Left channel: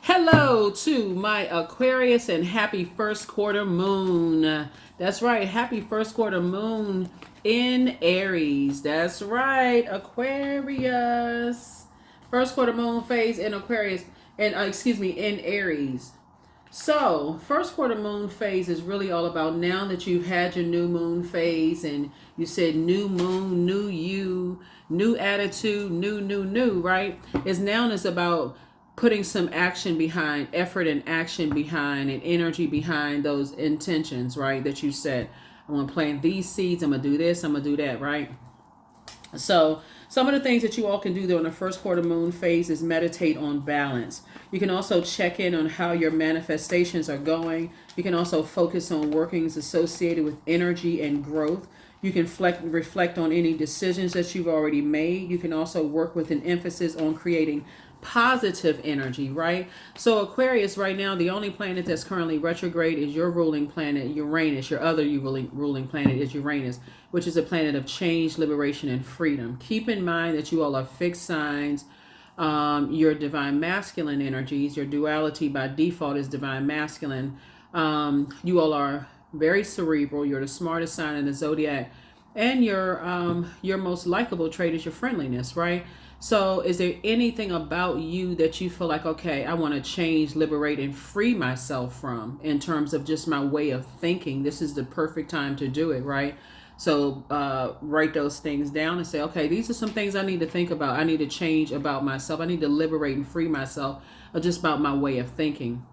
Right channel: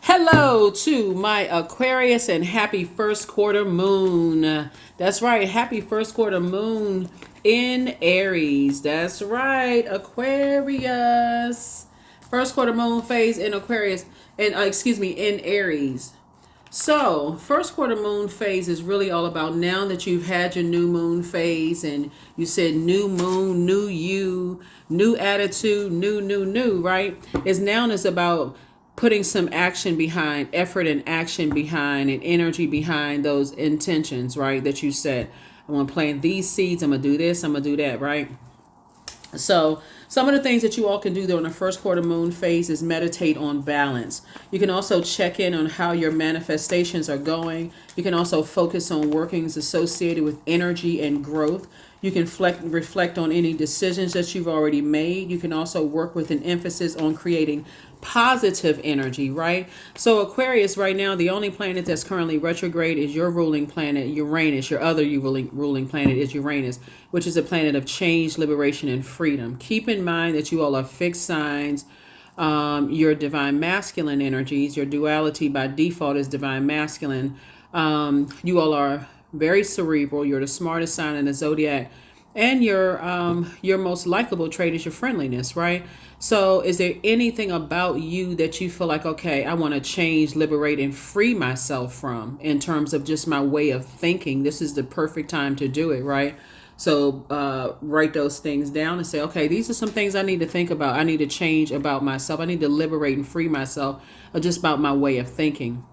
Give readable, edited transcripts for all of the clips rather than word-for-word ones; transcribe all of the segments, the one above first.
Hello to my Aquarius and happy first quarter moon. That's right, happy first quarter moon in Aries. That's right, Aquarius. First quarter moon phase in Aquarius, and in Aries. So, first quarter moon phase is really all about now that you've had your new moon phase and you said new moon, new you, new attitude, new, right? It's about putting some action behind, effort and action behind, and energy behind those intentions, right? That you set. I'm going to plant these seeds. I'm going to do this. I'm going to do that, right? So, some of the things that you all can do during the first quarter moon phase is meditate on balance. You can also check in on how your manifestations are going. You can also focus on workings associated with energy and growth. You can reflect on any decisions that you've already made. You can also work with an emphasis on creating positive energy, right? So Aquarius right now, the only planet that's currently retrograde is your ruling planet, Uranus. Your other ruling planet is Uranus, which is a planet of change, liberation, and freedom. Keep in mind that you all are fixed signs. Your divine masculine energies, your duality by default is divine masculine. You all are very cerebral. You're the smartest sign in the zodiac, and your most likable trait is your friendliness, right? So, is there anything about you that you feel like, okay, I want to change, liberate, and free myself from in terms of just my way of thinking? This is the perfect time to do it, right? So, write those things down and say, okay, these are some things I need to think about. I need to change about myself. I need to liberate and free myself just about my way of thinking.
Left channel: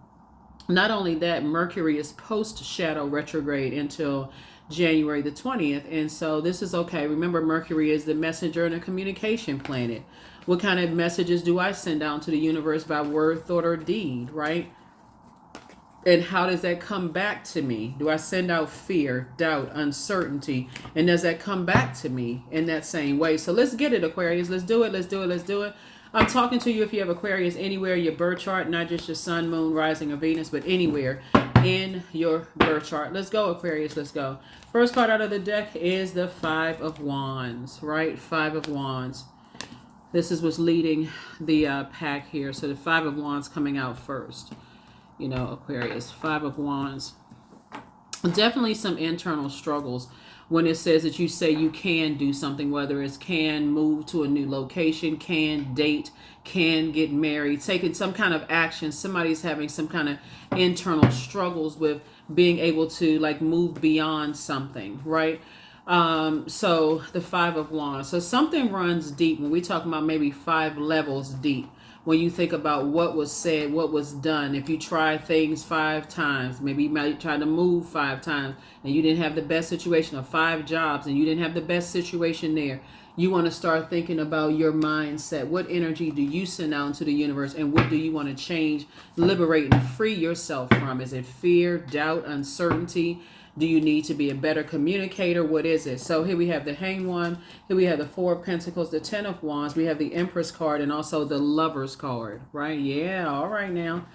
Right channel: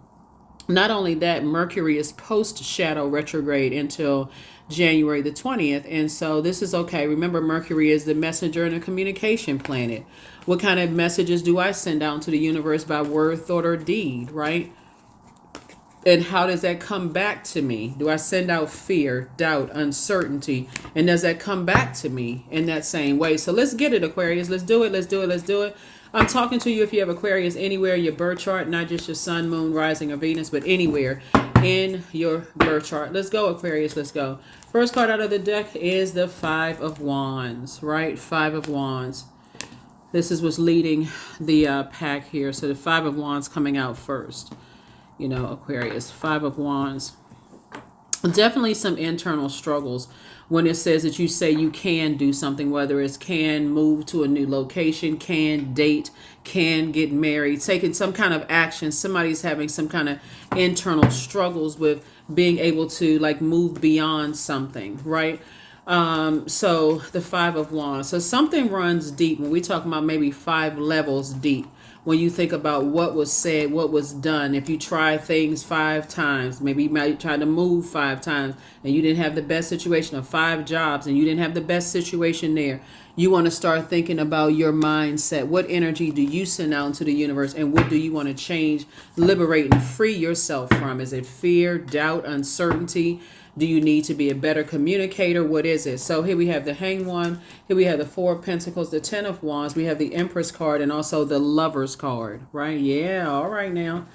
Not only that, Mercury is post shadow retrograde until January the 20th. And so this is okay. Remember, Mercury is the messenger and a communication planet. What kind of messages do I send out to the universe by word, thought, or deed, right? And how does that come back to me? Do I send out fear, doubt, uncertainty? And does that come back to me in that same way? So let's get it, Aquarius. Let's do it. Let's do it. Let's do it. I'm talking to you if you have Aquarius anywhere in your birth chart, not just your sun, moon, rising, or Venus, but anywhere in your birth chart. Let's go, Aquarius. Let's go. First card out of the deck is the Five of Wands, right? Five of Wands. This is what's leading the pack here. So the Five of Wands coming out first. You know, Aquarius, Five of Wands. Definitely some internal struggles when it says that you say you can do something, whether it's can move to a new location, can date, can get married, taking some kind of action. Somebody's having some kind of internal struggles with being able to like move beyond something, right? So the Five of Wands. So something runs deep when we talk about maybe 5 levels deep. When you think about what was said, what was done, if you try things 5 times, maybe you might try to move 5 times and you didn't have the best situation, of 5 jobs and you didn't have the best situation there, you want to start thinking about your mindset. What energy do you send out into the universe, and what do you want to change, liberate, and free yourself from? Is it fear, doubt, uncertainty? Do you need to be a better communicator? What is it? So here we have the Hanged One. Here we have the Four of Pentacles, the Ten of Wands. We have the Empress card and also the Lovers card, right? Yeah, all right now.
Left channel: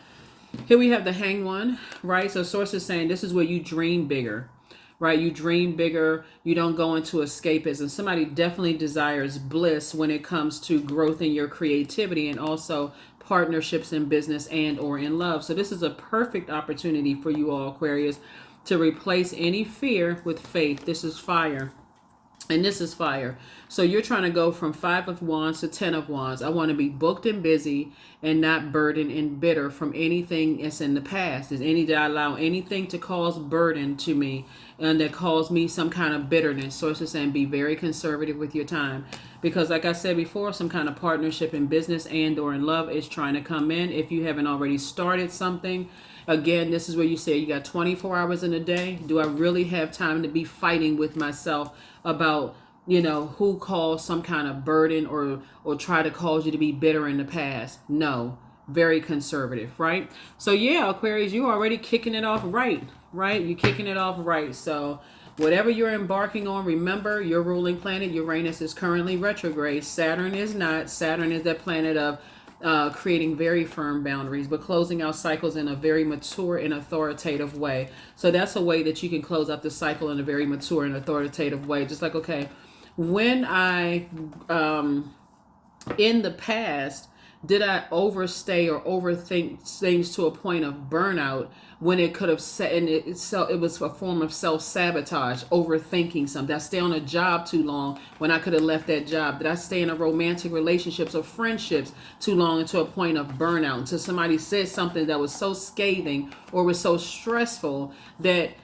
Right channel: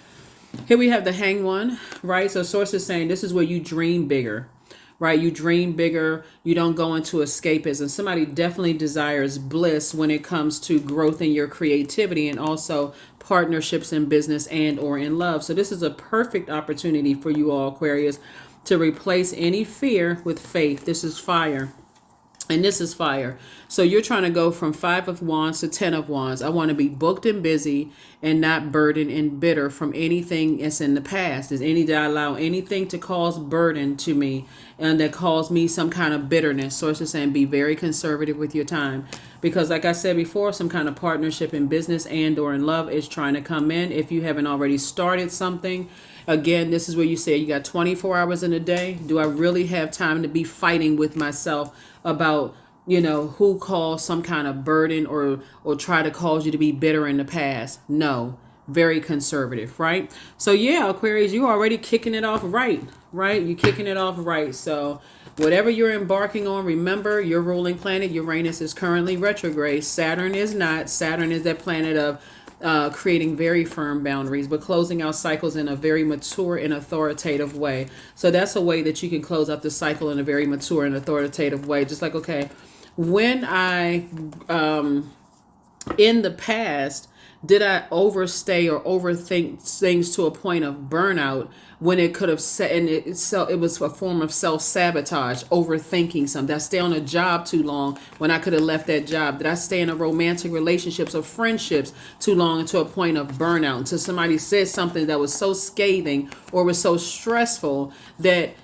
Here we have the Hanged One, right? So Source is saying this is where you dream bigger, right? You dream bigger. You don't go into escapism. Somebody definitely desires bliss when it comes to growth in your creativity and also partnerships in business and or in love. So this is a perfect opportunity for you all, Aquarius, to replace any fear with faith. This is fire. And this is fire. So you're trying to go from 5 of Wands to 10 of Wands. I want to be booked and busy and not burdened and bitter from anything that's in the past. Did I allow anything to cause burden to me and that caused me some kind of bitterness? So it's just saying be very conservative with your time. Because like I said before, some kind of partnership in business and or in love is trying to come in. If you haven't already started something, again, this is where you say you got 24 hours in a day. Do I really have time to be fighting with myself about, who caused some kind of burden or try to cause you to be bitter in the past? No. Very conservative, right? So yeah, Aquarius, you're already kicking it off right? You're kicking it off right. So whatever you're embarking on, remember your ruling planet, Uranus, is currently retrograde. Saturn is not. Saturn is that planet of creating very firm boundaries, but closing out cycles in a very mature and authoritative way. So that's a way that you can close out the cycle in a very mature and authoritative way. Just like, okay, when I, in the past, Did I overstay or overthink things to a point of burnout when it could have set, and it was a form of self-sabotage, overthinking something? Did I stay on a job too long when I could have left that job? Did I stay in a romantic relationships or friendships too long to a point of burnout until somebody said something that was so scathing or was so stressful that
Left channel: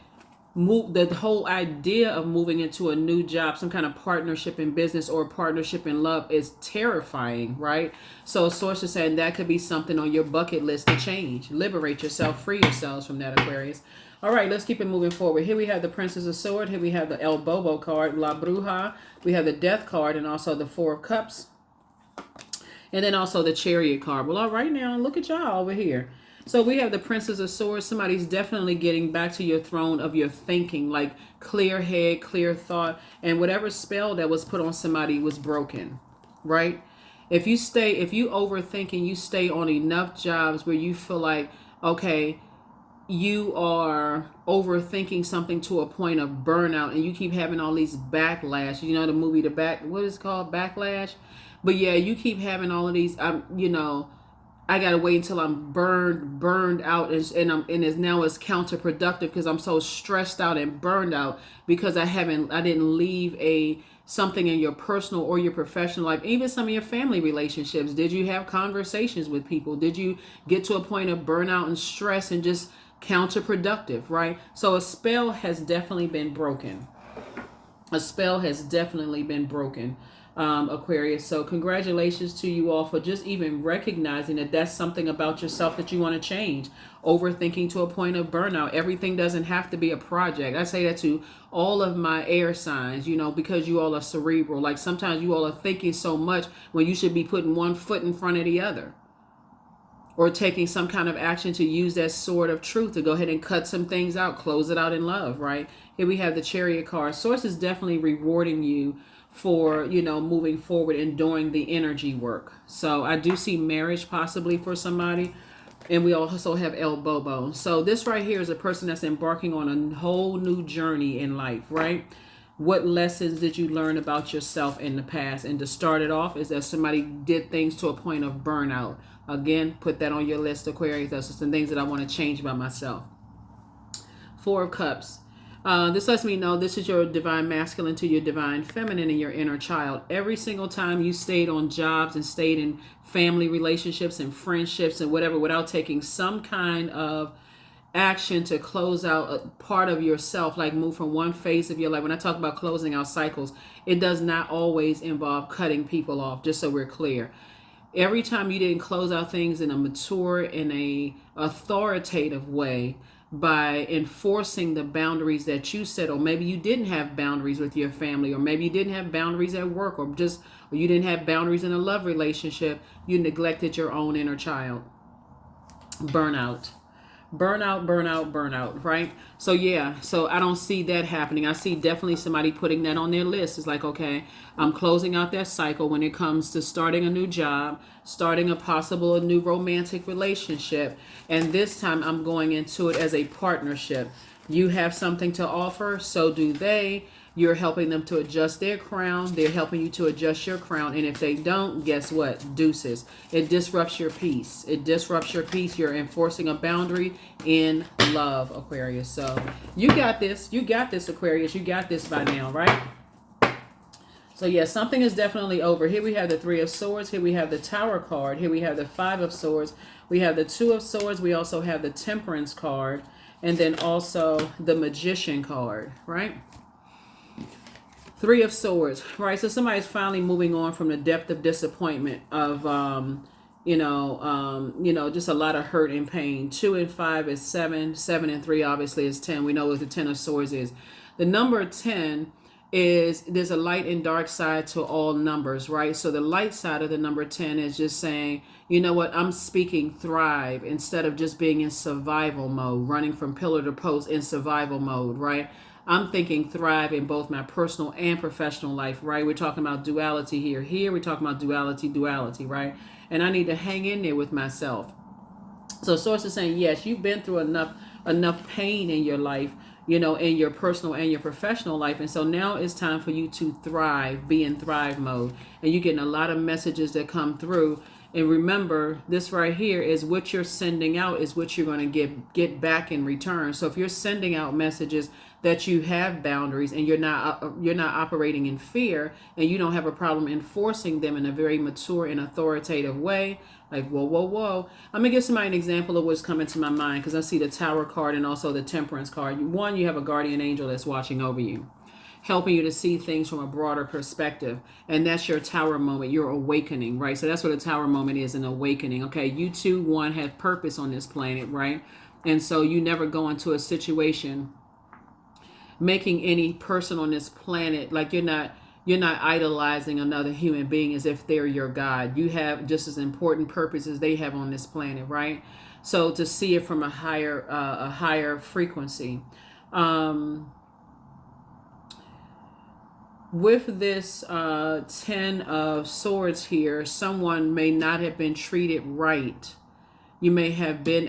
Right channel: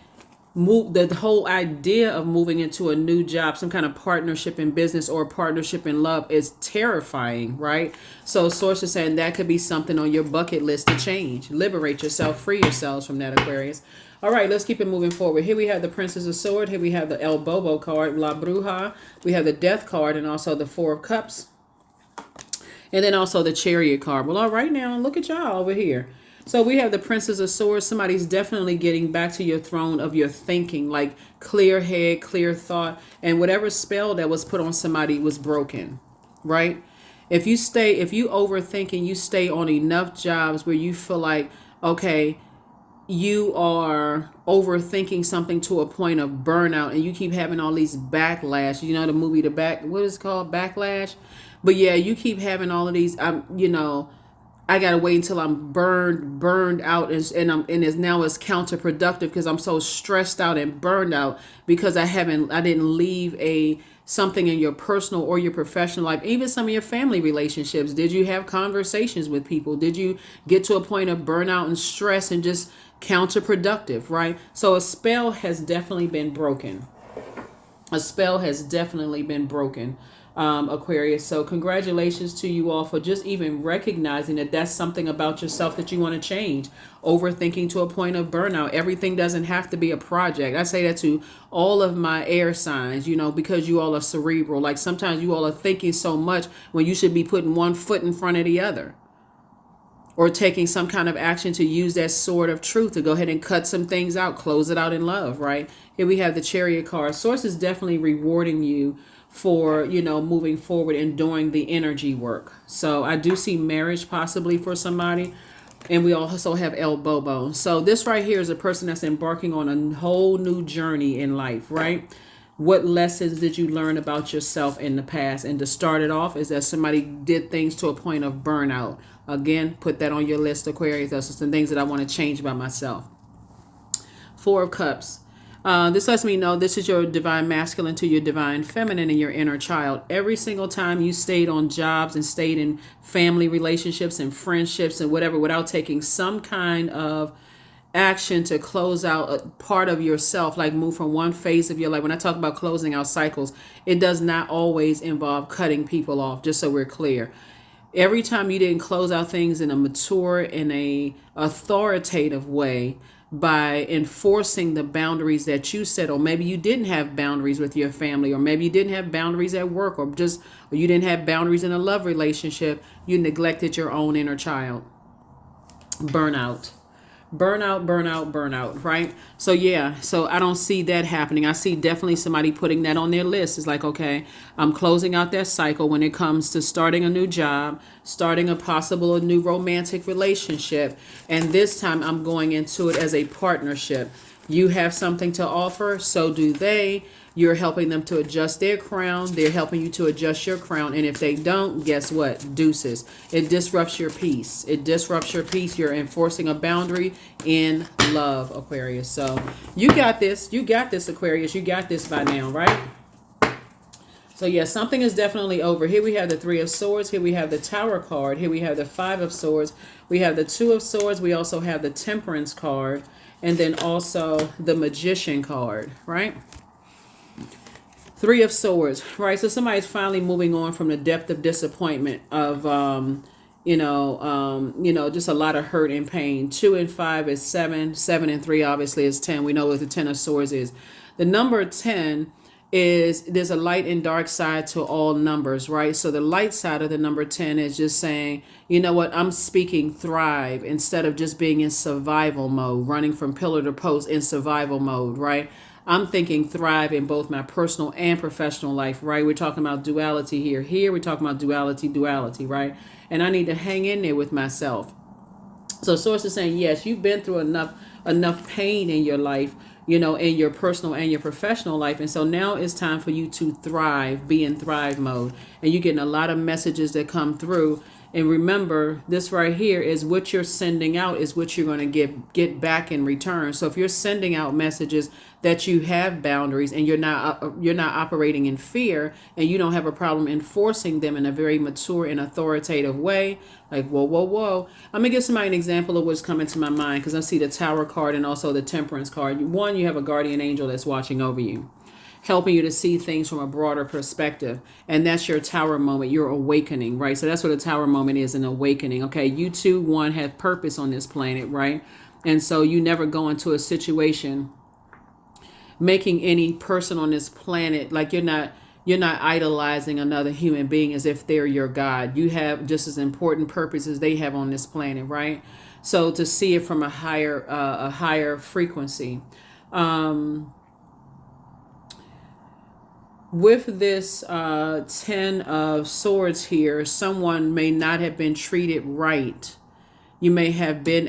the whole idea of moving into a new job, some kind of partnership in business or partnership in love, is terrifying, right? So source is saying that could be something on your bucket list to change. Liberate yourself, free yourselves from that, Aquarius. All right, let's keep it moving forward. Here we have the Princess of Swords. Here we have the El Bobo card, La Bruja. We have the Death card and also the Four of Cups. And then also the Chariot card. Well, all right now, look at y'all over here. So we have the Princess of Swords. Somebody's definitely getting back to your throne of your thinking, like clear head, clear thought, and whatever spell that was put on somebody was broken, right? If you overthink and you stay on enough jobs where you feel like, okay, you are overthinking something to a point of burnout and you keep having all these backlash, you know, the movie, what is it called? Backlash. But yeah, you keep having all of these, I gotta wait until I'm burned out, and it's counterproductive because I'm so stressed out and burned out because I didn't leave something in your personal or your professional life, even some of your family relationships. Did you have conversations with people? Did you get to a point of burnout and stress and just counterproductive, right? So a spell has definitely been broken. Aquarius. So congratulations to you all for just even recognizing that that's something about yourself that you want to change. Overthinking to a point of burnout. Everything doesn't have to be a project. I say that to all of my air signs, because you all are cerebral. Like sometimes you all are thinking so much when you should be putting one foot in front of the other. Or taking some kind of action to use that sword of truth to go ahead and cut some things out, close it out in love, right? Here we have the Chariot card. Source is definitely rewarding you for, moving forward and doing the energy work. So I do see marriage possibly for somebody. And we also have El Bobo. So this right here is a person that's embarking on a whole new journey in life, right? What lessons did you learn about yourself in the past? And to start it off is that somebody did things to a point of burnout. Again, put that on your list, Aquarius. Those are some things that I want to change about myself. Four of Cups. This lets me know this is your divine masculine to your divine feminine and your inner child. Every single time you stayed on jobs and stayed in family relationships and friendships and whatever without taking some kind of action to close out a part of yourself, like move from one phase of your life. When I talk about closing out cycles, it does not always involve cutting people off, just so we're clear. Every time you didn't close out things in a mature, in a authoritative way, by enforcing the boundaries that you set, or maybe you didn't have boundaries with your family, or maybe you didn't have boundaries at work, or you didn't have boundaries in a love relationship, you neglected your own inner child. Burnout, right? So yeah, so I don't see that happening. I see definitely somebody putting that on their list. It's like, okay, I'm closing out that cycle when it comes to starting a new job, starting a new romantic relationship. And this time I'm going into it as a partnership. You have something to offer, so do they. You're helping them to adjust their crown. They're helping you to adjust your crown. And if they don't, guess what? Deuces. It disrupts your peace. You're enforcing a boundary in love, Aquarius. So you got this. Aquarius. You got this by now, right? So yeah, something is definitely over. Here we have the Three of Swords. Here we have the Tower card. Here we have the Five of Swords. We have the Two of Swords. We also have the Temperance card. And then also the Magician card, right? Three of Swords, right? So somebody's finally moving on from the depth of disappointment of, just a lot of hurt and pain. 2 and 5 is 7. 7 and 3 obviously is 10. We know what the 10 of Swords is. The number 10 is there's a light and dark side to all numbers, right? So the light side of the number 10 is just saying, you know what, I'm speaking thrive instead of just being in survival mode, running from pillar to post in survival mode, right? I'm thinking thrive in both my personal and professional life, right? We're talking about duality here. Here we're talking about duality, right? And I need to hang in there with myself. So Source is saying, yes, you've been through enough pain in your life, in your personal and your professional life. And so now it's time for you to thrive, be in thrive mode. And you're getting a lot of messages that come through. And remember, this right here is what you're sending out is what you're going to get back in return. So if you're sending out messages that you have boundaries and you're not operating in fear, and you don't have a problem enforcing them in a very mature and authoritative way, like whoa, whoa, whoa. I'm gonna give somebody an example of what's coming to my mind, because I see the Tower card and also the Temperance card. One, you have a guardian angel that's watching over you, helping you to see things from a broader perspective. And that's your Tower moment, your awakening, right? So that's what a Tower moment is, an awakening. Okay, you too, one, have purpose on this planet, right? And so you never go into a situation making any person on this planet, like you're not idolizing another human being as if they're your God. You have just as important purpose as they have on this planet, right? So to see it from a higher frequency. With this 10 of swords here, someone may not have been treated right. You may have been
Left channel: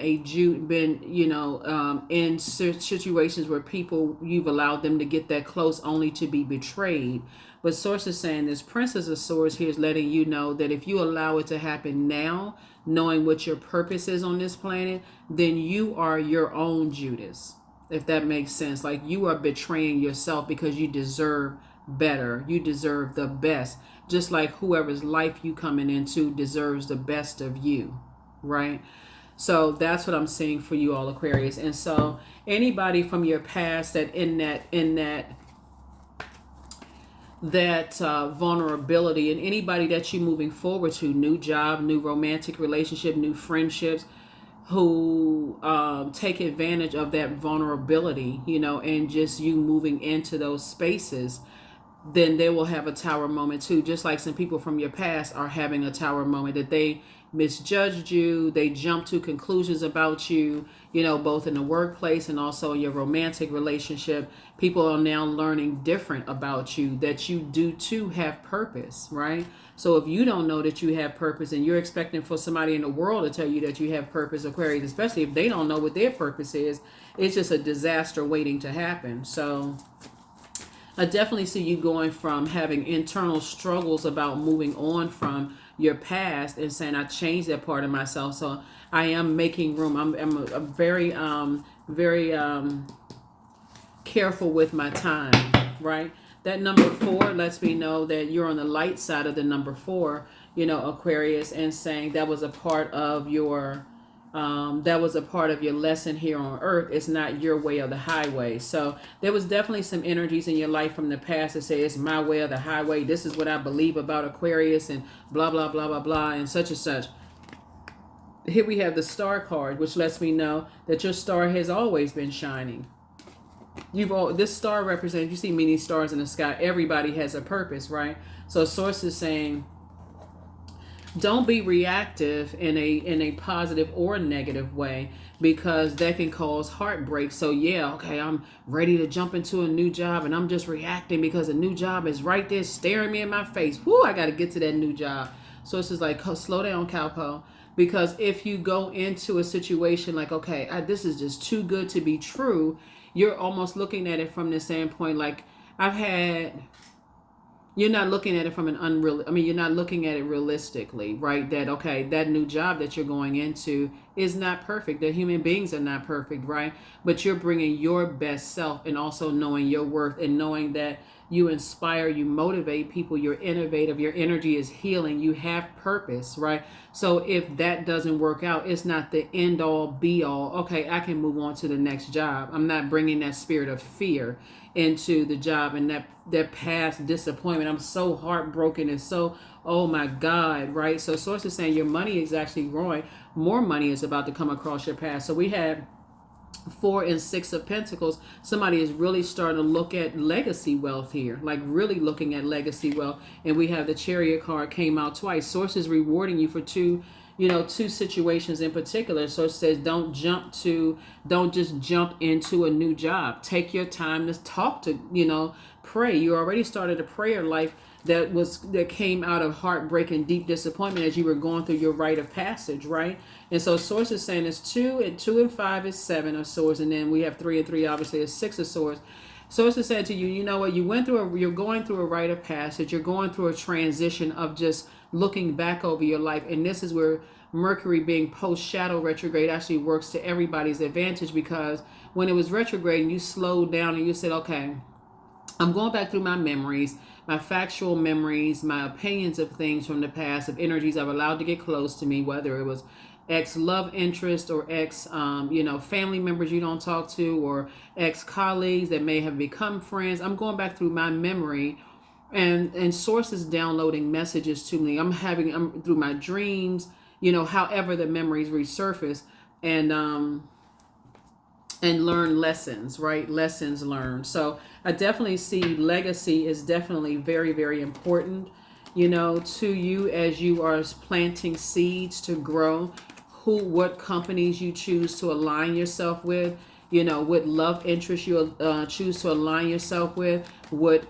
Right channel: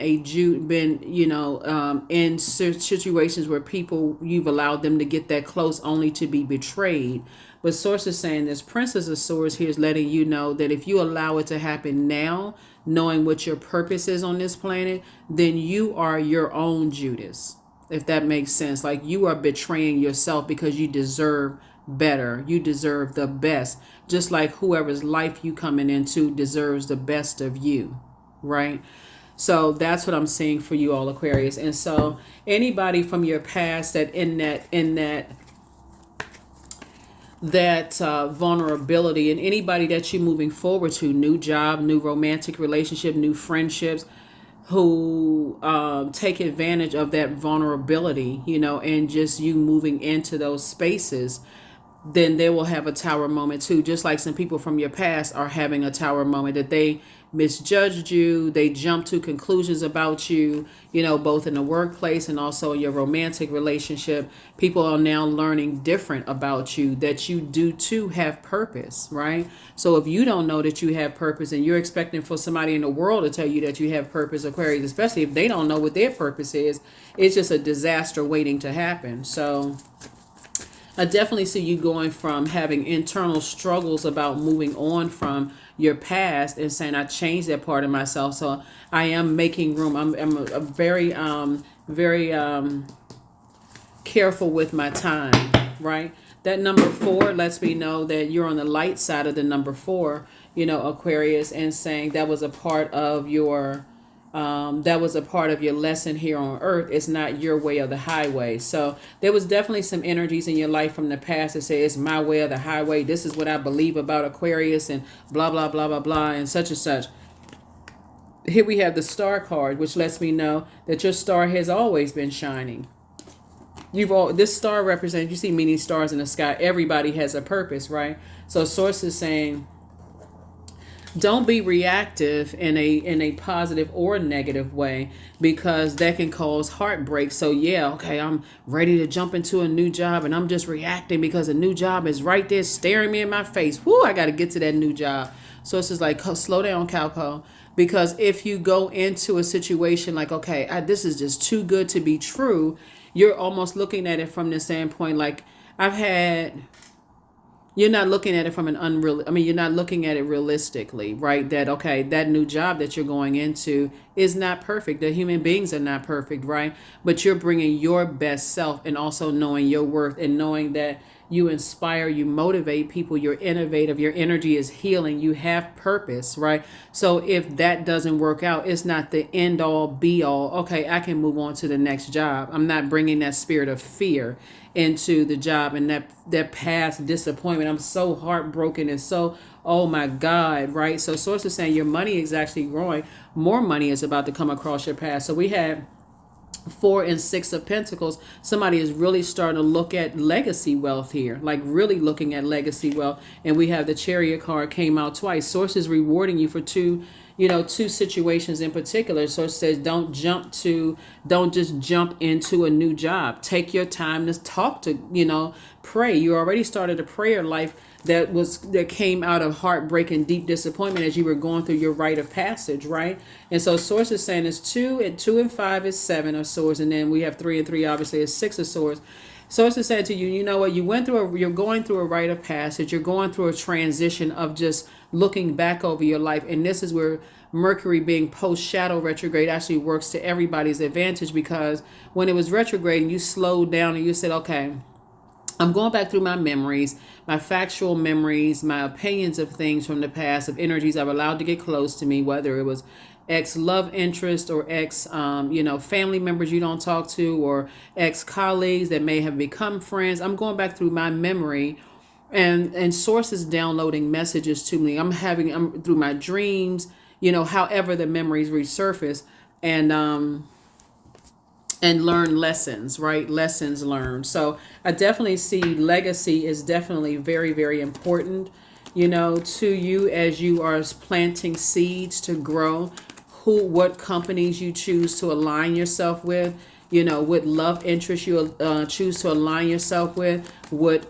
in situations where people, you've allowed them to get that close only to be betrayed. But source is saying this Princess of Swords here is letting you know that if you allow it to happen now, knowing what your purpose is on this planet, then you are your own Judas, if that makes sense. Like, you are betraying yourself because you deserve better. You deserve the best. Just like whoever's life you coming into deserves the best of you, right? So that's what I'm seeing for you all, Aquarius. And so anybody from your past that in that vulnerability, and anybody that you're moving forward to, new job, new romantic relationship, new friendships, who take advantage of that vulnerability, and just you moving into those spaces, then they will have a Tower moment too. Just like some people from your past are having a Tower moment, that they misjudged you, they jumped to conclusions about you, both in the workplace and also in your romantic relationship. People are now learning different about you, that you do too have purpose, right? So if you don't know that you have purpose and you're expecting for somebody in the world to tell you that you have purpose, Aquarius, especially if they don't know what their purpose is, it's just a disaster waiting to happen. So I definitely see you going from having internal struggles about moving on from your past and saying, I changed that part of myself. So I am making room. I'm a very, very careful with my time, right? That number 4 lets me know that you're on the light side of the number 4, Aquarius, and saying that was a part of your lesson here on earth. It's not your way or the highway. So there was definitely some energies in your life from the past that say it's my way or the highway. This is what I believe about Aquarius, and blah, blah, blah, blah, blah, and such and such. Here we have the Star card, which lets me know that your star has always been shining. This star represents, you see many stars in the sky. Everybody has a purpose, right? So source is saying, don't be reactive in a positive or negative way, because that can cause heartbreak. So yeah, okay, I'm ready to jump into a new job and I'm just reacting because a new job is right there staring me in my face. Whoo, I got to get to that new job. So it's just like, slow down, cowpo. Because if you go into a situation like, okay, this is just too good to be true, you're almost looking at it from the standpoint like, you're not looking at it from you're not looking at it realistically, right? That, okay, that new job that you're going into is not perfect. The human beings are not perfect, right? But you're bringing your best self, and also knowing your worth, and knowing that you inspire, you motivate people, you're innovative, your energy is healing, you have purpose, right? So if that doesn't work out, it's not the end all be all. Okay, I can move on to the next job. I'm not bringing that spirit of fear into the job and that past disappointment. I'm so heartbroken and so, oh my God, right? So source is saying your money is actually growing. More money is about to come across your path. So we had 4 and 6 of Pentacles. Somebody is really starting to look at legacy wealth here, like really looking at legacy wealth. And we have the Chariot card came out twice. Source is rewarding you for two situations in particular. So it says don't just jump into a new job. Take your time to talk to, pray. You already started a prayer life that came out of heartbreak and deep disappointment as you were going through your rite of passage, right? And so source is saying it's 2 and 5 is 7 of swords, and then we have 3 and 3 obviously is 6 of swords. Source is saying to you, you know what, you're going through a rite of passage, you're going through a transition of just looking back over your life. And this is where Mercury being post shadow retrograde actually works to everybody's advantage, because when it was retrograde and you slowed down and you said, okay, I'm going back through my memories, my factual memories, my opinions of things from the past, of energies I've allowed to get close to me, whether it was ex love interest or ex, family members you don't talk to, or ex colleagues that may have become friends. I'm going back through my memory, and sources downloading messages to me. I'm through my dreams, however the memories resurface, and learn lessons, right? Lessons learned. So I definitely see legacy is definitely very, very important, to you as you are planting seeds to grow. What companies you choose to align yourself with, what love interests you choose to align yourself with, what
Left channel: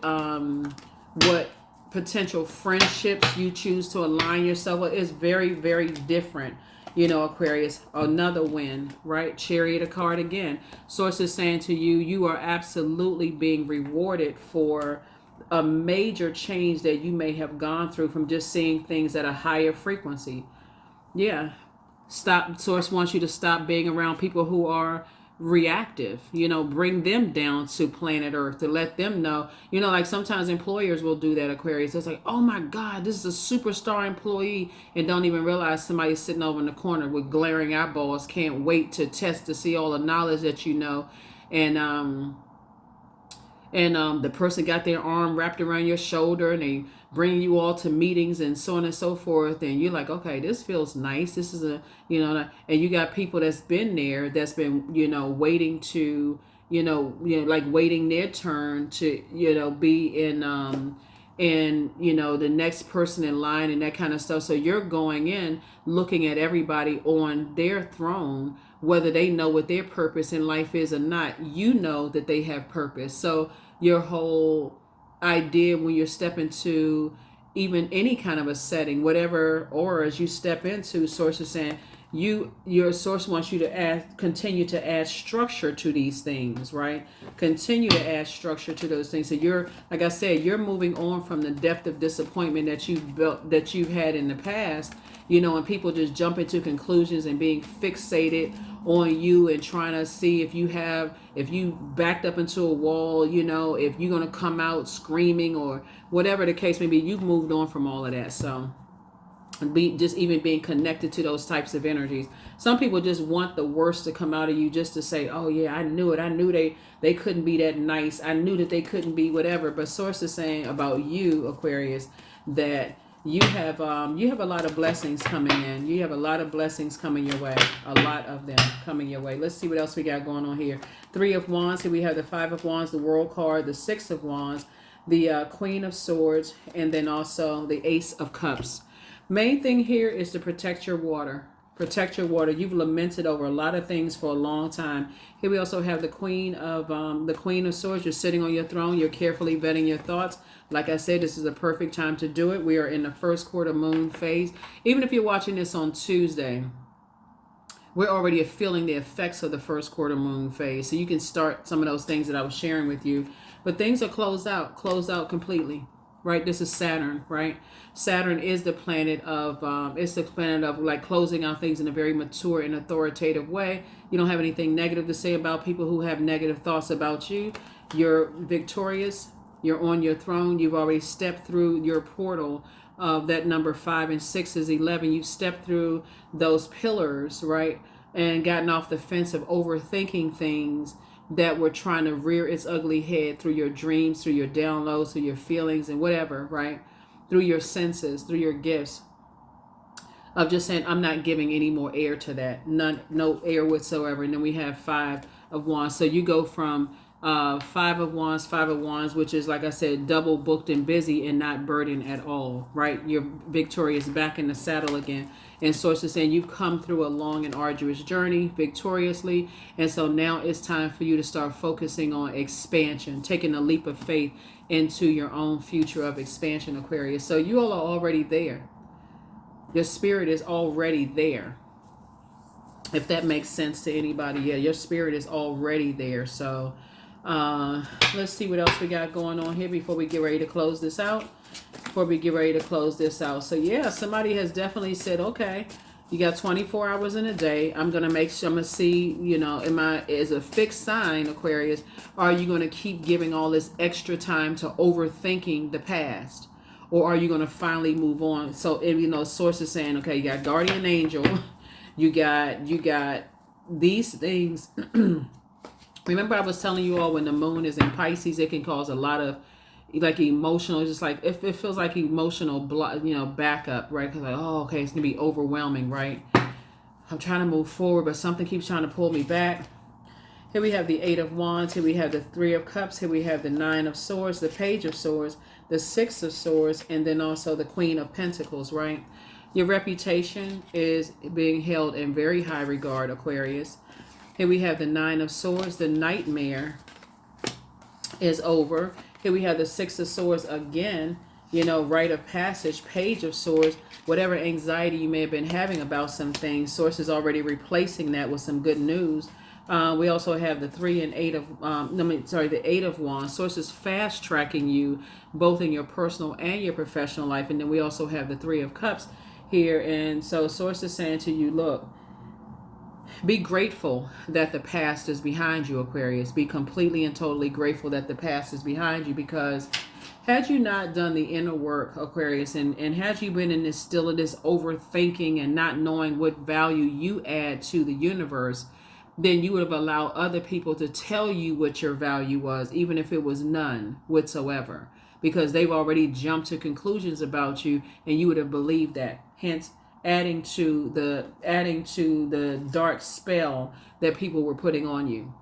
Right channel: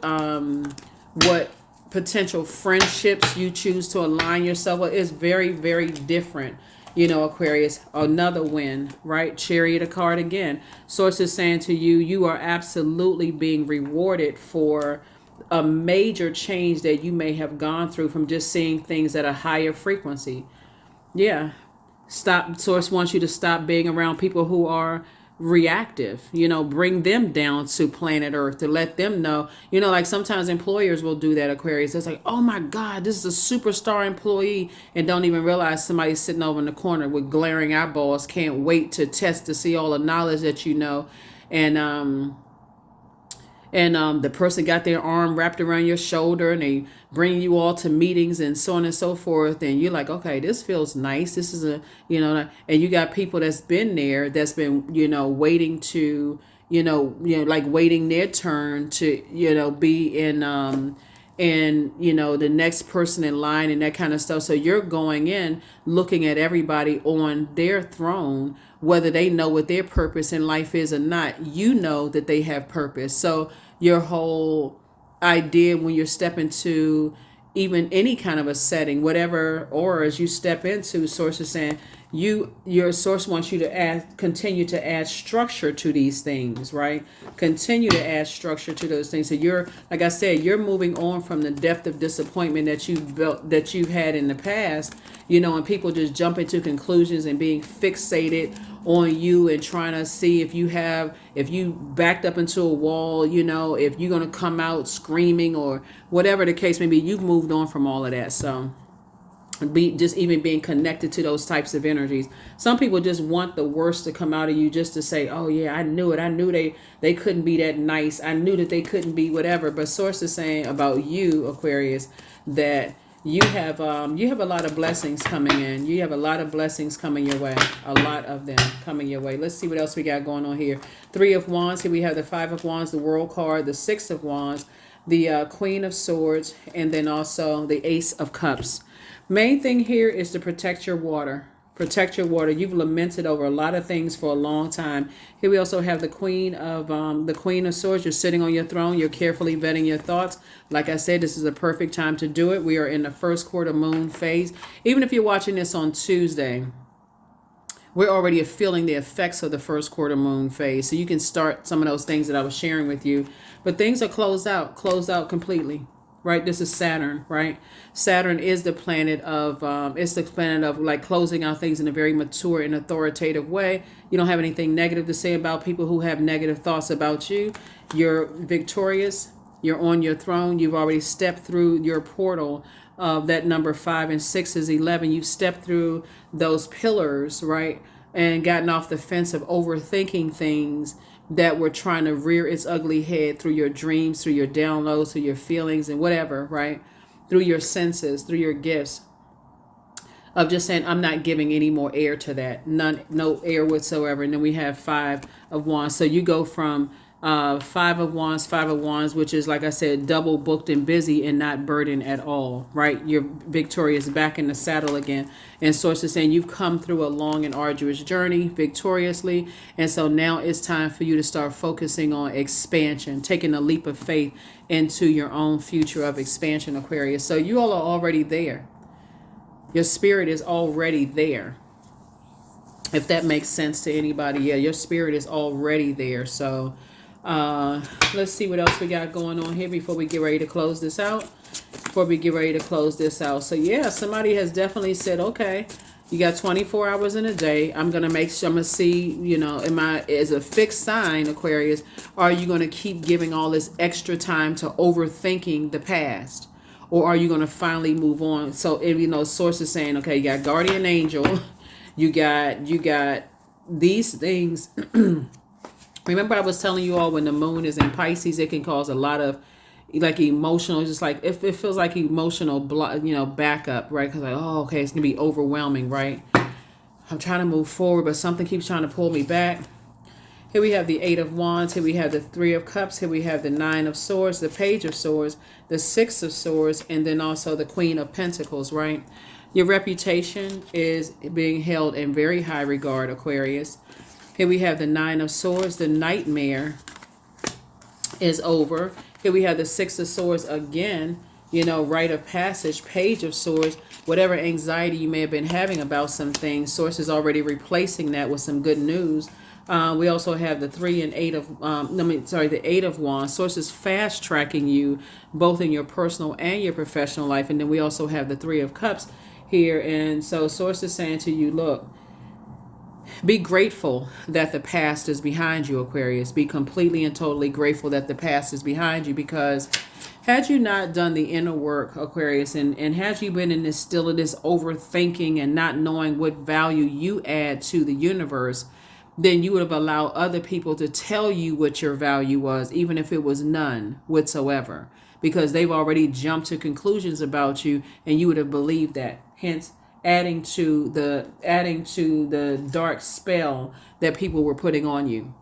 potential friendships you choose to align yourself with is very, very different. Aquarius, another win, right? Chariot, a card again. Source is saying to you, you are absolutely being rewarded for a major change that you may have gone through from just seeing things at a higher frequency. Yeah. Source wants you to stop being around people who are reactive, bring them down to planet Earth to let them know, like sometimes employers will do that, Aquarius. It's like, oh my God, this is a superstar employee, and don't even realize somebody's sitting over in the corner with glaring eyeballs, can't wait to test to see all the knowledge that and the person got their arm wrapped around your shoulder, and they bring you all to meetings and so on and so forth. And you're like, okay, this feels nice. This is and you got people that's been there, that's been, waiting to, like waiting their turn to, be in the next person in line and that kind of stuff. So you're going in looking at everybody on their throne, whether they know what their purpose in life is or not. You know that they have purpose. So your whole idea when you're stepping to even any kind of a setting, whatever auras you step into, source is saying your source wants you to continue to add structure to these things, right? Continue to add structure to those things. So you're, like I said, you're moving on from the depth of disappointment that you've had in the past, and people just jump into conclusions and being fixated on you and trying to see if you backed up into a wall, if you're going to come out screaming or whatever the case may be. You've moved on from all of that. So just even being connected to those types of energies. Some people just want the worst to come out of you, just to say, oh yeah, I knew it. I knew they couldn't be that nice. I knew that they couldn't be whatever. But source is saying about you, Aquarius, that you have a lot of blessings coming in. You have a lot of blessings coming your way. A lot of them coming your way. Let's see what else we got going on here. 3 of Wands. Here we have the 5 of Wands, the World card, the 6 of Wands, the Queen of Swords, and then also the Ace of Cups. Main thing here is to protect your water. Protect your water. You've lamented over a lot of things for a long time. Here we also have the Queen of Swords. You're sitting on your throne. You're carefully vetting your thoughts. Like I said, this is a perfect time to do it. We are in the first quarter moon phase. Even if you're watching this on Tuesday, we're already feeling the effects of the first quarter moon phase. So you can start some of those things that I was sharing with you. But things are closed out completely, right? This is Saturn, right? Saturn is the planet of like closing out things in a very mature and authoritative way. You don't have anything negative to say about people who have negative thoughts about you. You're victorious. You're on your throne. You've already stepped through your portal of that number 5 and 6 is 11. You've stepped through those pillars, right? And gotten off the fence of overthinking things that were trying to rear its ugly head through your dreams, through your downloads, through your feelings and whatever, right? Through your senses, through your gifts, of just saying, I'm not giving any more air to that. No air whatsoever. And then we have 5 of Wands. So you go from 5 of Wands, which is, like I said, double booked and busy and not burdened at all, right? You're victorious, back in the saddle again. And source is saying you've come through a long and arduous journey victoriously. And so now it's time for you to start focusing on expansion, taking a leap of faith into your own future of expansion, Aquarius. So you all are already there. Your spirit is already there. If that makes sense to anybody, yeah, your spirit is already there. So let's see what else we got going on here before we get ready to close this out. before we get ready to close this out. So yeah, somebody has definitely said, okay, you got 24 hours in a day. I'm going to make sure, I'm going to see, you know, is a fixed sign, Aquarius, or are you going to keep giving all this extra time to overthinking the past? Or are you going to finally move on? So, if, you know, source is saying, okay, you got guardian angel, you got these things. Remember I was telling you all, when the moon is in Pisces, it can cause a lot of like emotional, just like if it feels like emotional backup, right? Because like, oh, okay, it's gonna be overwhelming, right? I'm trying to move forward, but something keeps trying to pull me back. Here we have the Eight of Wands. Here we have the Three of Cups. Here we have the Nine of Swords, the Page of Swords, the Six of Swords, and then also the Queen of Pentacles, right? Your reputation is being held in very high regard, Aquarius. Here we have the Nine of Swords. The nightmare is over. Here we have the Six of Swords again, you know, rite of passage, Page of Swords. Whatever anxiety you may have been having about some things, Source is already replacing that with some good news. We also have the the Eight of Wands. Source is fast tracking you both in your personal and your professional life. And then we also have the Three of Cups here. And so Source is saying to you, look, be grateful that the past is behind you, Aquarius. Be completely and totally grateful that the past is behind you, because had you not done the inner work, Aquarius, and had you been in this overthinking and not knowing what value you add to the universe, then you would have allowed other people to tell you what your value was, even if it was none whatsoever, because they've already jumped to conclusions about you, and you would have believed that. Hence, adding to the dark spell that people were putting on you.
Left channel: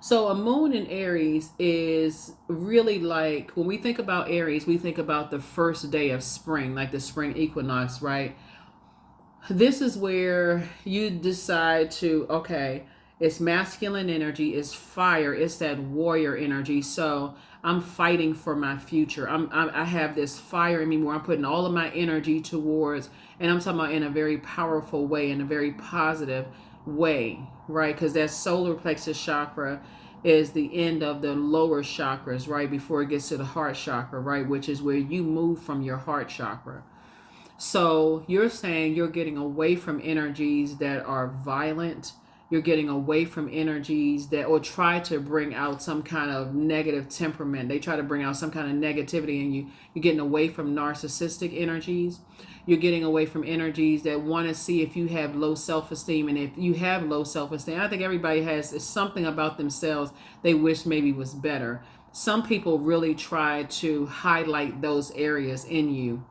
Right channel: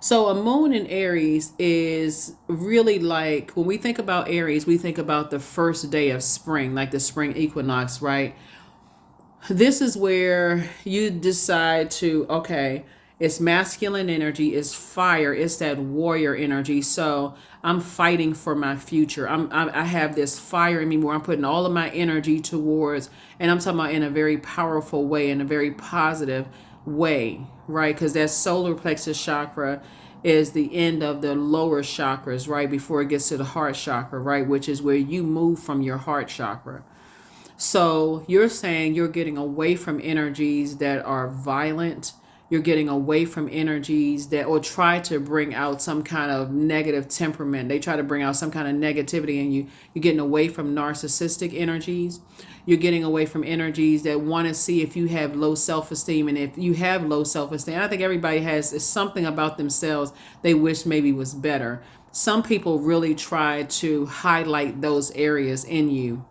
So a moon in Aries is really like, when we think about Aries, we think about the first day of spring, like the spring equinox, right? This is where you decide to, okay, it's masculine energy, it's fire, it's that warrior energy. So I'm fighting for my future. I have this fire in me where I'm putting all of my energy towards, and I'm talking about in a very powerful way, in a very positive way, right? Because that solar plexus chakra is the end of the lower chakras, right? Before it gets to the heart chakra, right? Which is where you move from your heart chakra. So you're saying you're getting away from energies that are violent. You're getting away from energies that, or try to bring out some kind of negative temperament. They try to bring out some kind of negativity in you. You're getting away from narcissistic energies. You're getting away from energies that want to see if you have low self-esteem. And if you have low self-esteem, I think everybody has something about themselves they wish maybe was better. Some people really try to highlight those areas in you.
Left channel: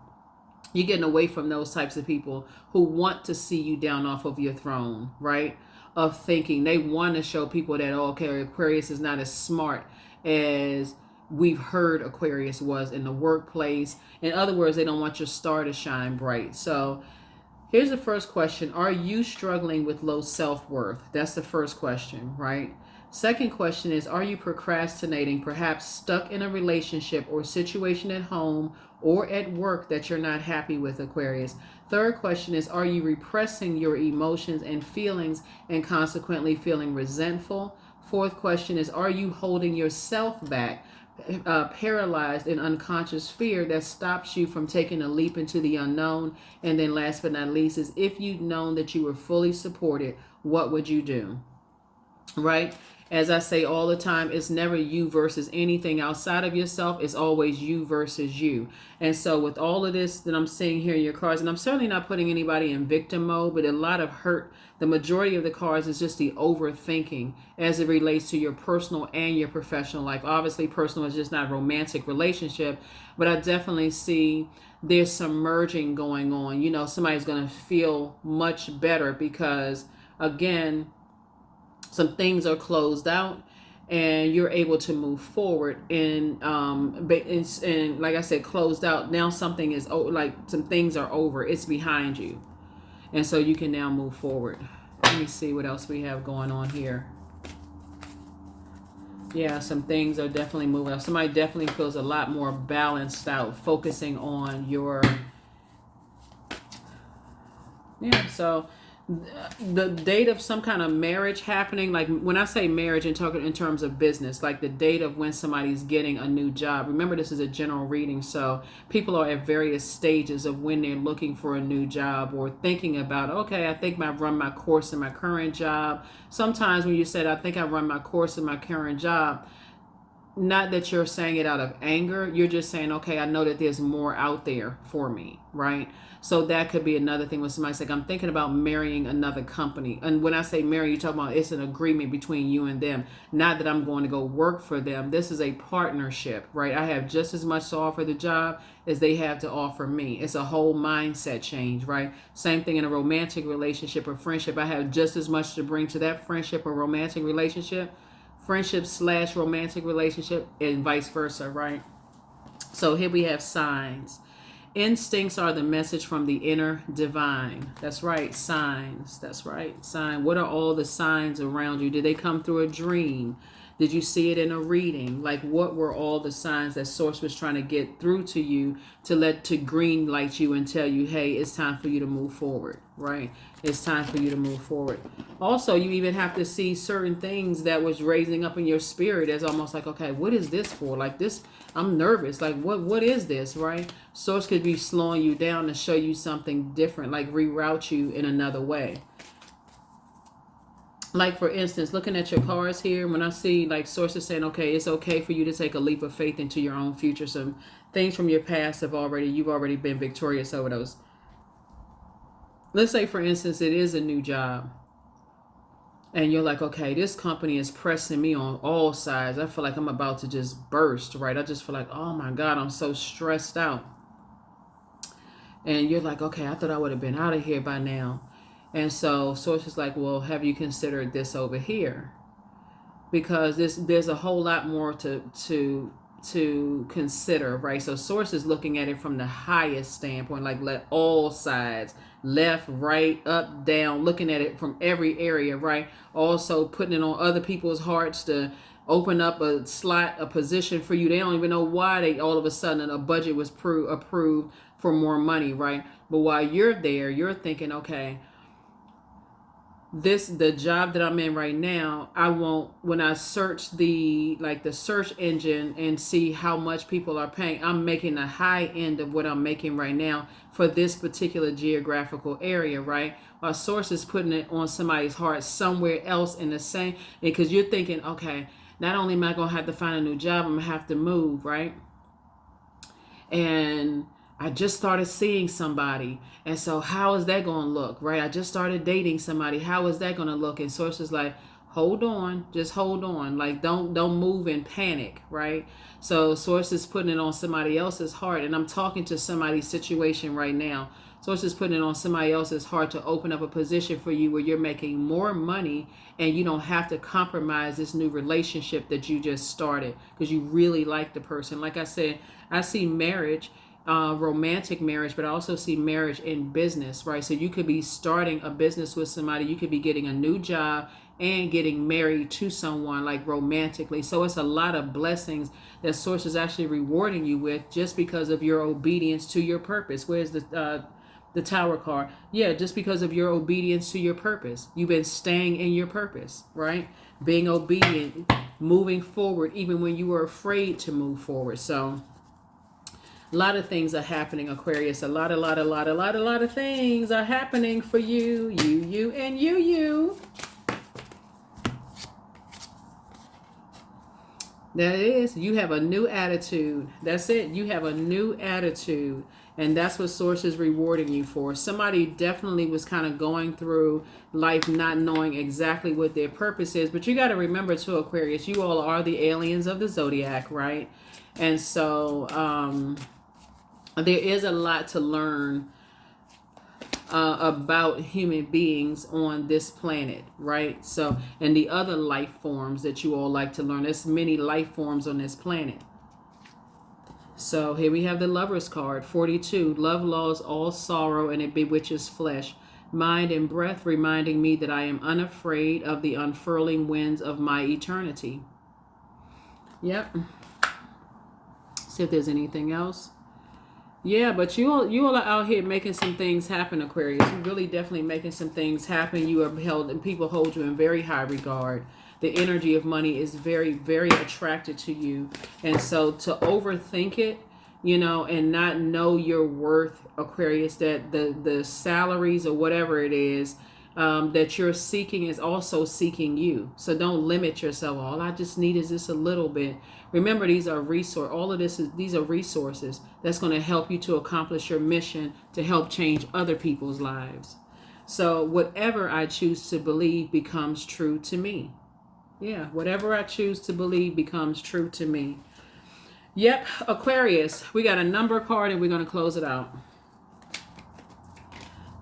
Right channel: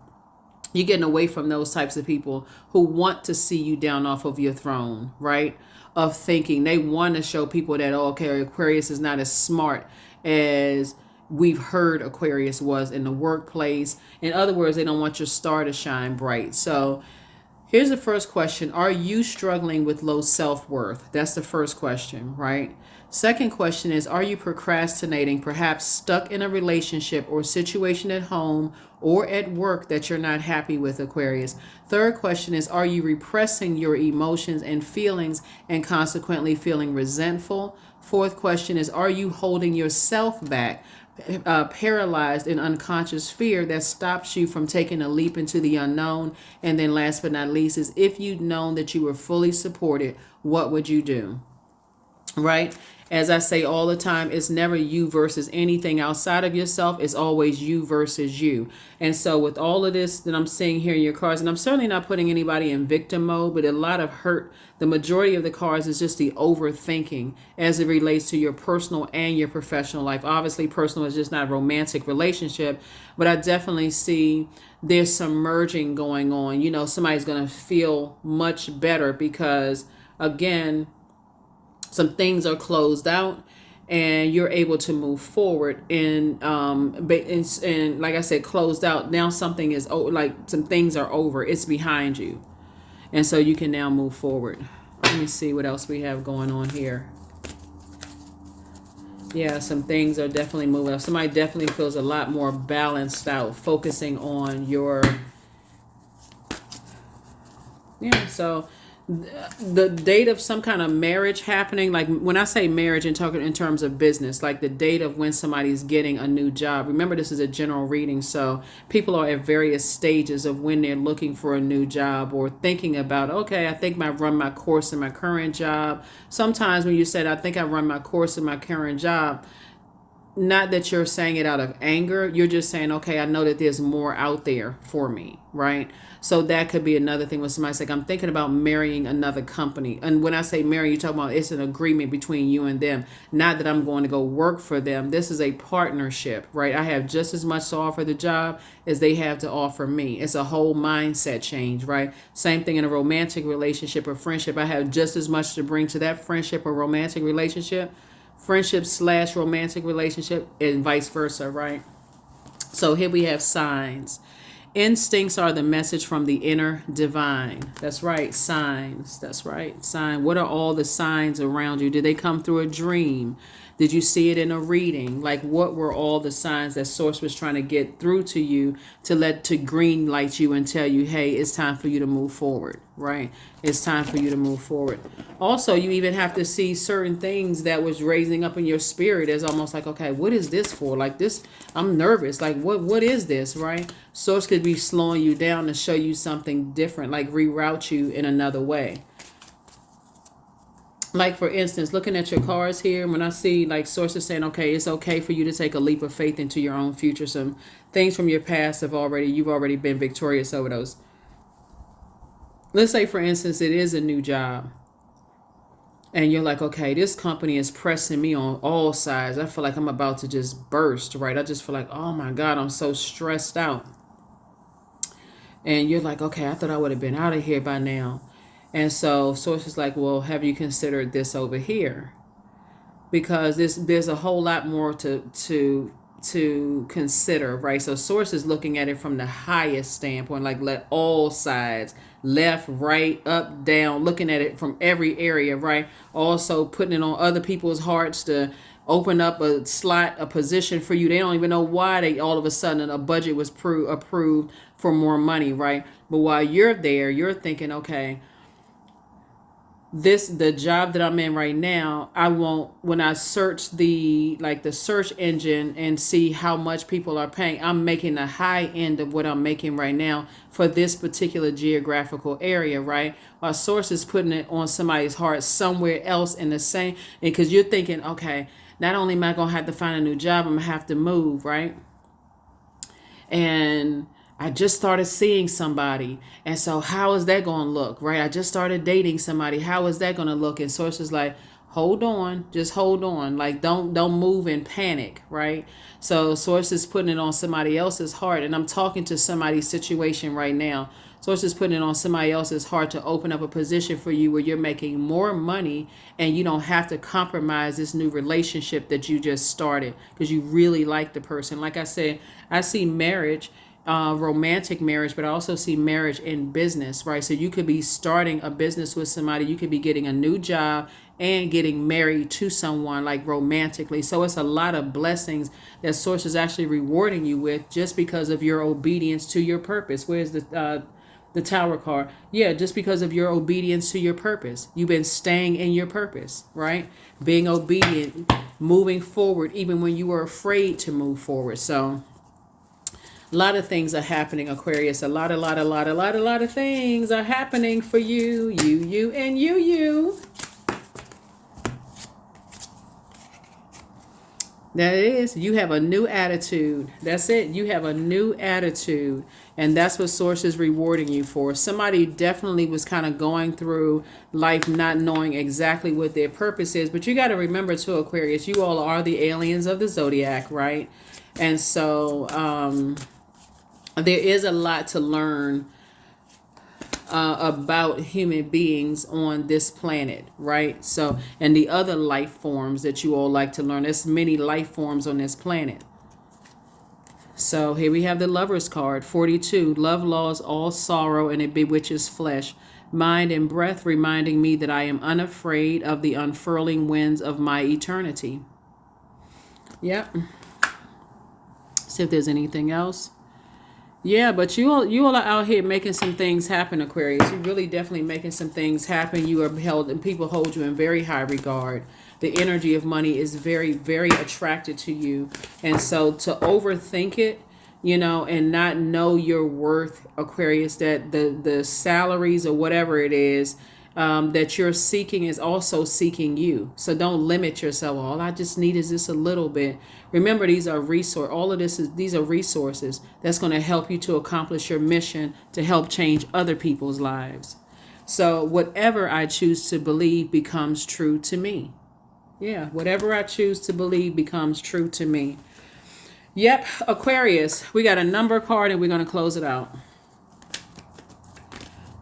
You're getting away from those types of people who want to see you down off of your throne, right? Of thinking. They want to show people that, oh, okay, Aquarius is not as smart as we've heard Aquarius was in the workplace. In other words, they don't want your star to shine bright. So here's the first question. Are you struggling with low self-worth? That's the first question, right? Second question is, are you procrastinating, perhaps stuck in a relationship or situation at home or at work that you're not happy with, Aquarius? Third question is, are you repressing your emotions and feelings and consequently feeling resentful? Fourth question is, are you holding yourself back, paralyzed in unconscious fear that stops you from taking a leap into the unknown? And then last but not least is, if you'd known that you were fully supported, what would you do? Right? As I say all the time, it's never you versus anything outside of yourself. It's always you versus you. And so with all of this that I'm seeing here in your cards, and I'm certainly not putting anybody in victim mode, but a lot of hurt, the majority of the cards is just the overthinking as it relates to your personal and your professional life. Obviously, personal is just not a romantic relationship, but I definitely see there's some merging going on. You know, somebody's going to feel much better because, again, some things are closed out and you're able to move forward and like I said, closed out. Now something is like some things are over. It's behind you. And so you can now move forward. Let me see what else we have going on here. Yeah, some things are definitely moving. Somebody definitely feels a lot more balanced out, focusing on your, yeah, so the date of some kind of marriage happening. Like when I say marriage and talking in terms of business, like the date of when somebody's getting a new job. Remember, this is a general reading, so people are at various stages of when they're looking for a new job or thinking about, okay, I think I run my course in my current job. Sometimes when you said, I think I run my course in my current job, not that you're saying it out of anger, you're just saying, okay, I know that there's more out there for me, right? So that could be another thing when somebody's like, I'm thinking about marrying another company. And when I say marry, you're talking about it's an agreement between you and them. Not that I'm going to go work for them. This is a partnership, right? I have just as much to offer the job as they have to offer me. It's a whole mindset change, right? Same thing in a romantic relationship or friendship. I have just as much to bring to that friendship or romantic relationship, friendship / romantic relationship, and vice versa, right? So here we have signs. Instincts are the message from the inner divine. That's right, signs. That's right, sign. What are all the signs around you? Did they come through a dream? Did you see it in a reading? Like, what were all the signs that Source was trying to get through to you to green light you and tell you, hey, it's time for you to move forward, right? It's time for you to move forward. Also, you even have to see certain things that was raising up in your spirit as almost like, okay, what is this for? Like this, I'm nervous. Like, what is this, right? Source could be slowing you down to show you something different, like reroute you in another way. Like, for instance, looking at your cards here, when I see like sources saying, okay, it's okay for you to take a leap of faith into your own future. Some things from your past you've already been victorious over those. Let's say, for instance, it is a new job. And you're like, okay, this company is pressing me on all sides. I feel like I'm about to just burst, right? I just feel like, oh my God, I'm so stressed out. And you're like, okay, I thought I would have been out of here by now. And so Source is like, well, have you considered this over here? Because there's a whole lot more to consider, right? So Source is looking at it from the highest standpoint, like let all sides, left, right, up, down, looking at it from every area, right? Also putting it on other people's hearts to open up a slot, a position for you. They don't even know why they all of a sudden a budget was approved for more money, right? But while you're there, you're thinking, okay, the job that I'm in right now, I won't, when I search the search engine and see how much people are paying, I'm making the high end of what I'm making right now for this particular geographical area, right? While Source is putting it on somebody's heart somewhere else in the same, because you're thinking, okay, not only am I gonna have to find a new job, I'm gonna have to move, right? And I just started seeing somebody. And so how is that going to look, right? I just started dating somebody. How is that going to look? And Source is like, hold on, just hold on. Like, don't move in panic, right? So Source is putting it on somebody else's heart. And I'm talking to somebody's situation right now. Source is putting it on somebody else's heart to open up a position for you where you're making more money and you don't have to compromise this new relationship that you just started because you really like the person. Like I said, I see marriage, romantic marriage, but I also see marriage in business, right? So you could be starting a business with somebody, you could be getting a new job and getting married to someone, like romantically. So it's a lot of blessings that Source is actually rewarding you with just because of your obedience to your purpose. Where's the Tower card? Yeah, just because of your obedience to your purpose. You've been staying in your purpose, right? Being obedient, moving forward, even when you were afraid to move forward. So a lot of things are happening, Aquarius. A lot of things are happening for you, and you. That is, you have a new attitude. That's it. You have a new attitude. And that's what Source is rewarding you for. Somebody definitely was kind of going through life not knowing exactly what their purpose is. But you got to remember too, Aquarius, you all are the aliens of the Zodiac, right? And so there is a lot to learn about human beings on this planet, right? So, and the other life forms that you all like to learn. There's many life forms on this planet. So here we have the Lover's card, 42. Love lulls all sorrow and it bewitches flesh, mind and breath, reminding me that I am unafraid of the unfurling winds of my eternity. Yep. See if there's anything else. Yeah, but you all are out here making some things happen, Aquarius. You really definitely making some things happen. You are held, and people hold you in very high regard. The energy of money is very, very attracted to you, and so to overthink it, and not know your worth, Aquarius, that the salaries or whatever it is that you're seeking is also seeking you. So don't limit yourself. All I just need is this a little bit. Remember, these are resource. All of these are resources that's going to help you to accomplish your mission to help change other people's lives. So whatever I choose to believe becomes true to me. Yeah, whatever I choose to believe becomes true to me. Yep, Aquarius, we got a number card and we're going to close it out.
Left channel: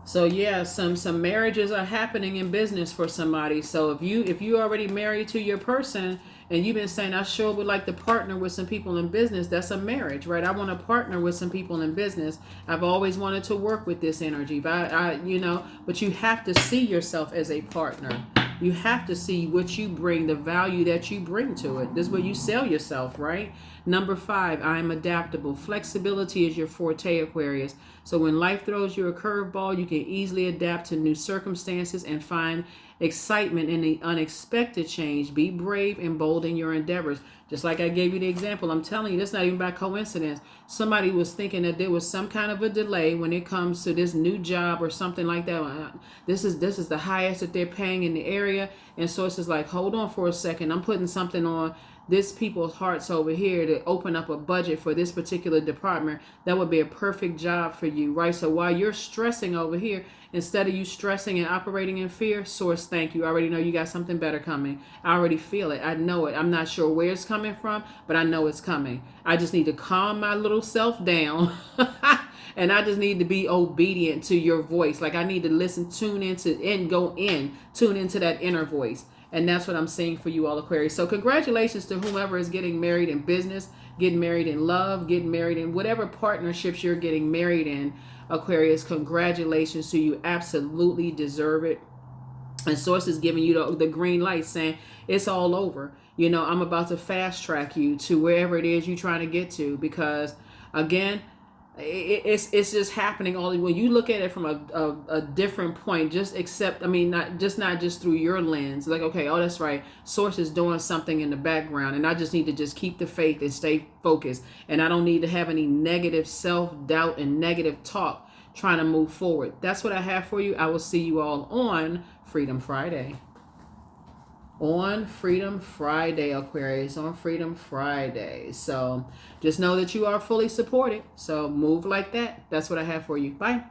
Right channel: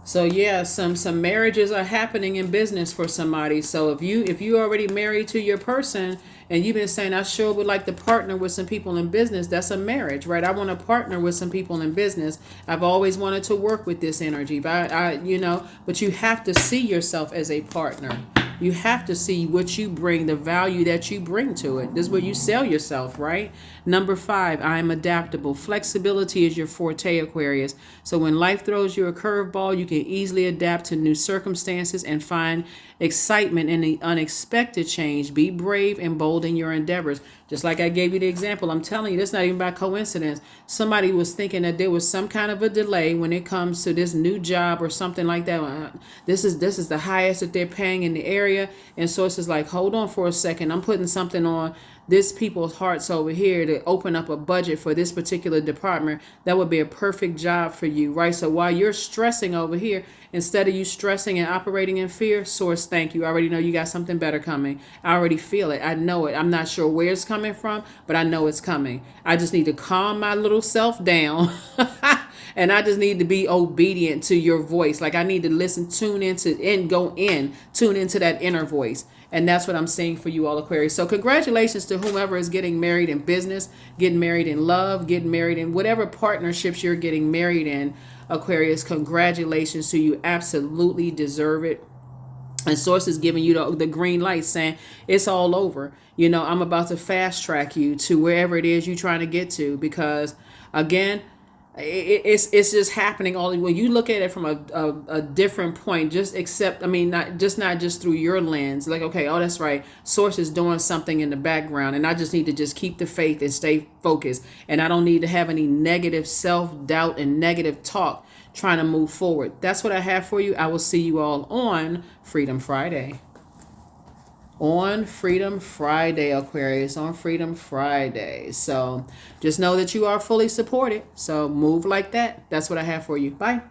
So yeah, some marriages are happening in business for somebody. So if you already married to your person and you've been saying, I sure would like to partner with some people in business, that's a marriage, right? I want to partner with some people in business. I've always wanted to work with this energy, but but you have to see yourself as a partner. You have to see what you bring, the value that you bring to it. This is where you sell yourself, right? Number 5, I'm adaptable. Flexibility is your forte, Aquarius. So when life throws you a curveball, you can easily adapt to new circumstances and find excitement in the unexpected change. Be brave and bold in your endeavors. Just like I gave you the example, I'm telling you, that's not even by coincidence. Somebody was thinking that there was some kind of a delay when it comes to this new job or something like that. This is the highest that they're paying in the area, and so it's just like, hold on for a second. I'm putting something on this people's hearts over here to open up a budget for this particular department. That would be a perfect job for you, right? So while you're stressing over here, instead of you stressing and operating in fear, source, thank you. I already know you got something better coming. I already feel it. I know it. I'm not sure where it's coming from, but I know it's coming. I just need to calm my little self down. And I just need to be obedient to your voice. Like I need to listen, tune into that inner voice. And that's what I'm saying for you all, Aquarius. So congratulations to whomever is getting married in business, getting married in love, getting married in whatever partnerships you're getting married in, Aquarius. Congratulations to you. Absolutely deserve it. And Source is giving you the green light saying it's all over. I'm about to fast track you to wherever it is you're trying to get to, because again, it's just happening all when you look at it from a different point. Just accept, not just through your lens, like, okay, oh, that's right, Source is doing something in the background and I just need to just keep the faith and stay focused, and I don't need to have any negative self-doubt and negative talk trying to move forward. That's what I have for you. I will see you all on Freedom Friday. On Freedom Friday, Aquarius, on Freedom Friday. So just know that you are fully supported. So move like that. That's what I have for you. Bye.